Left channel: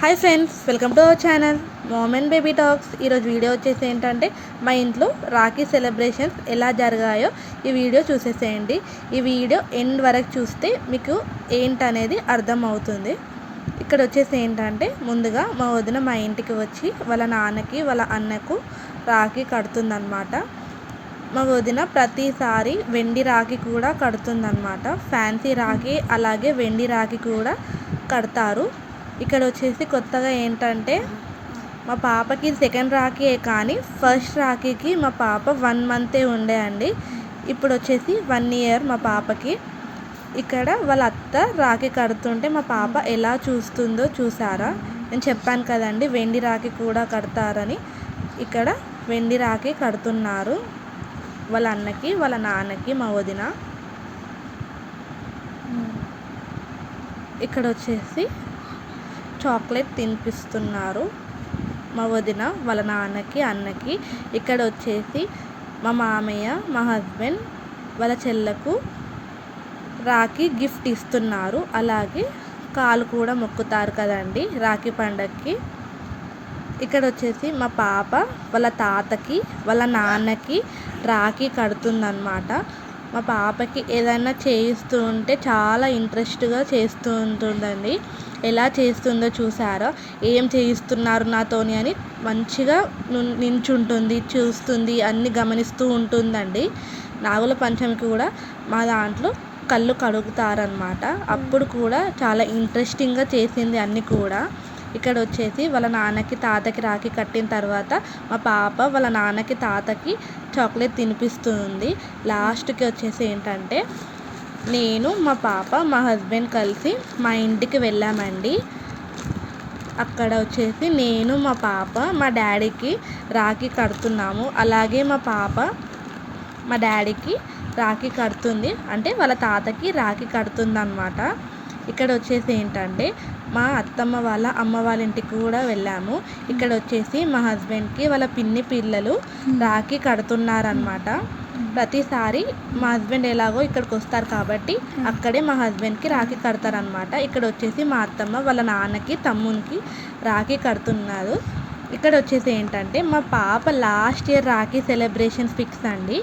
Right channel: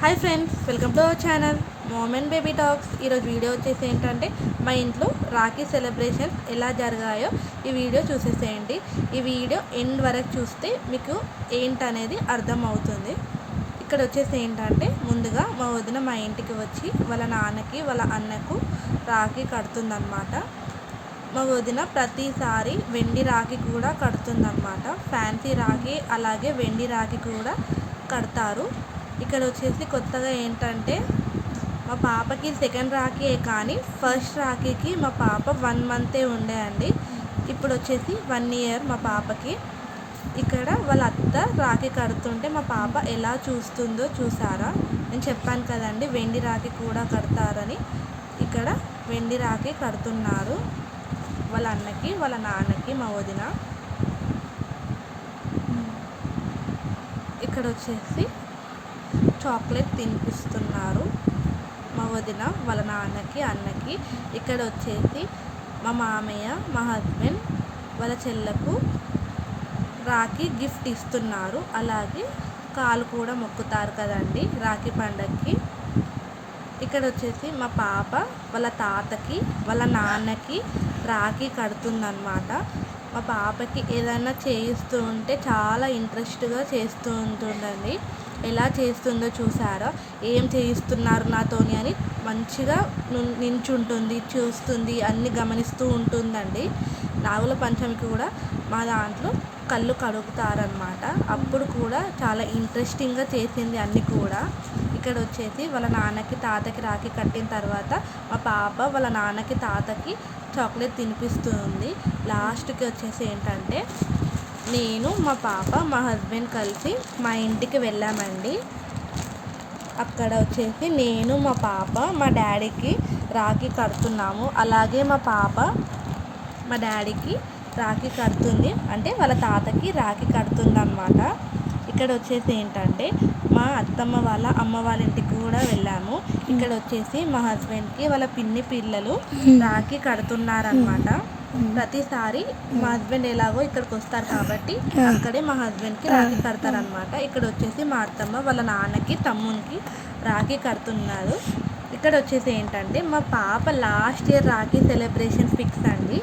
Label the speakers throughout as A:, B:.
A: Hi friends welcome to our channel Momen baby talks ఈరోజు video వచ్చేసి ఏంటంటే మా ఇంట్లో రాఖీ సెలబ్రేషన్స్ ఎలా జరిగాయో ఈ వీడియో చూసేసేయండి. ఈ వీడియో ఎండ్ వరకు చూస్తే మీకు ఏంటనేది అర్థం అవుతుంది ఇక్కడ వచ్చేసి ఏంటంటే ముందుగా మా వదిన మా ఇంటికి వచ్చి వాళ్ళ నాన్నకి వాళ్ళ అన్నకు రాఖీ కడుతుందన్నమాట. మా వదిన ప్రతిసారి వెండి రాఖీ కూడా కడుతుందన్నమాట. ఫ్యాన్సీ రాఖీ అలాగే వెండి రాఖీ కూడా కడతారు. ఇక్కడ వచ్చేసి కొత్తగా ఏంటంటే మా పాపకి సెకండ్ రాఖీ కానీ ఫస్ట్ రాఖీకి మా పాప వన్ మంతే ఉండే అండి. ఇప్పుడు వచ్చేసి వన్ ఇయర్ మా పాపకి. ఇక్కడ వాళ్ళ అత్త రాఖీ కడుతుంటే మా పాప ఎలా చూస్తుందో చూసారా? నేను చెప్పాను కదండి వెండి రాఖీ కూడా కడతారని. ఇక్కడ వెండి రాఖీ కడుతున్నారు. వాళ్ళ అన్నకి వాళ్ళ నాన్నకి మా వదిన. ఇక్కడ వచ్చేసి చాక్లెట్ తినిపిస్తున్నారు. మా వదిన వాళ్ళ నాన్నకి అన్నకి. ఇక్కడ వచ్చేసి మా మామయ్య మా హస్బెండ్ వాళ్ళ చెల్లకు రాఖీ గిఫ్ట్ ఇస్తున్నారు. అలాగే కాలు కూడా మొక్కుతారు కదండి రాఖీ పండగకి ఇక్కడ వచ్చేసి మా పాప వాళ్ళ తాతకి వాళ్ళ నాన్నకి రాఖీ కడుతుందన్నమాట. మా పాపకి ఏదైనా చేయిస్తూ ఉంటే చాలా ఇంట్రెస్ట్గా చేస్తూ ఉంటుందండి. ఎలా చేస్తుందో చూసారా? ఏం చేయిస్తున్నారు నాతోని అని మంచిగా నించుంటుంది చూస్తుంది అన్నీ గమనిస్తూ ఉంటుందండి. నాగుల పంచమికి కూడా మా దాంట్లో కళ్ళు కడుగుతారనమాట అప్పుడు కూడా చాలా ఇంట్రెస్టింగ్గా చేసింది అన్నీ కూడా. ఇక్కడ వచ్చేసి వాళ్ళ నాన్నకి తాతకి రాఖీ కట్టిన తర్వాత మా పాప వాళ్ళ నాన్నకి తాతకి చాక్లెట్ తినిపిస్తుంది. లాస్ట్కి వచ్చేసి ఏంటంటే నేను మా పాప మా హస్బెండ్ కలిసి మా ఇంటికి వెళ్ళామండి. అక్కడ వచ్చేసి నేను మా పాప మా డాడీకి రాఖీ కడుతున్నాము. అలాగే మా పాప మా డాడీకి రాఖీ కడుతుంది. అంటే వాళ్ళ తాతకి రాఖీ కడుతుంది అనమాట ఇక్కడ వచ్చేసి ఏంటంటే మా అత్తమ్మ వాళ్ళ అమ్మ వాళ్ళ ఇంటికి కూడా వెళ్ళాము. ఇక్కడ వచ్చేసి మా హస్బెండ్కి వాళ్ళ పిన్ని పిల్లలు రాఖీ కడుతున్నారనమాట ప్రతిసారి మా హస్బెండ్ ఎలాగో ఇక్కడికి వస్తారు కాబట్టి అక్కడే మా హస్బెండ్కి రాఖీ కడతారనమాట ఇక్కడ వచ్చేసి మా అత్తమ్మ వాళ్ళ నాన్నకి తమ్మునికి రాఖీ కడుతున్నారు. ఇక్కడ వచ్చేసి ఏంటంటే మా పాప last year Rakhi celebrations fix అండి.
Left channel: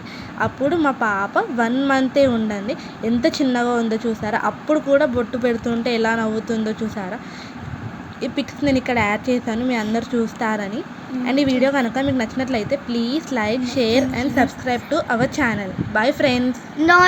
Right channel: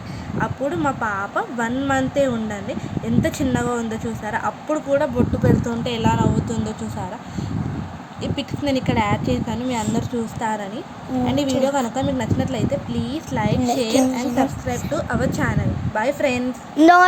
A: అప్పుడు మా పాప వన్ మంతే ఉండండి ఎంత చిన్నగా ఉందో చూసారా? అప్పుడు కూడా బొట్టు పెడుతుంటే ఎలా నవ్వుతుందో చూసారా? ఈ పిక్స్ నేను ఇక్కడ యాడ్ చేశాను మీ అందరు చూస్తారని. అండ్ ఈ వీడియో కనుక మీకు నచ్చినట్లయితే please like share and subscribe to our channel bye friends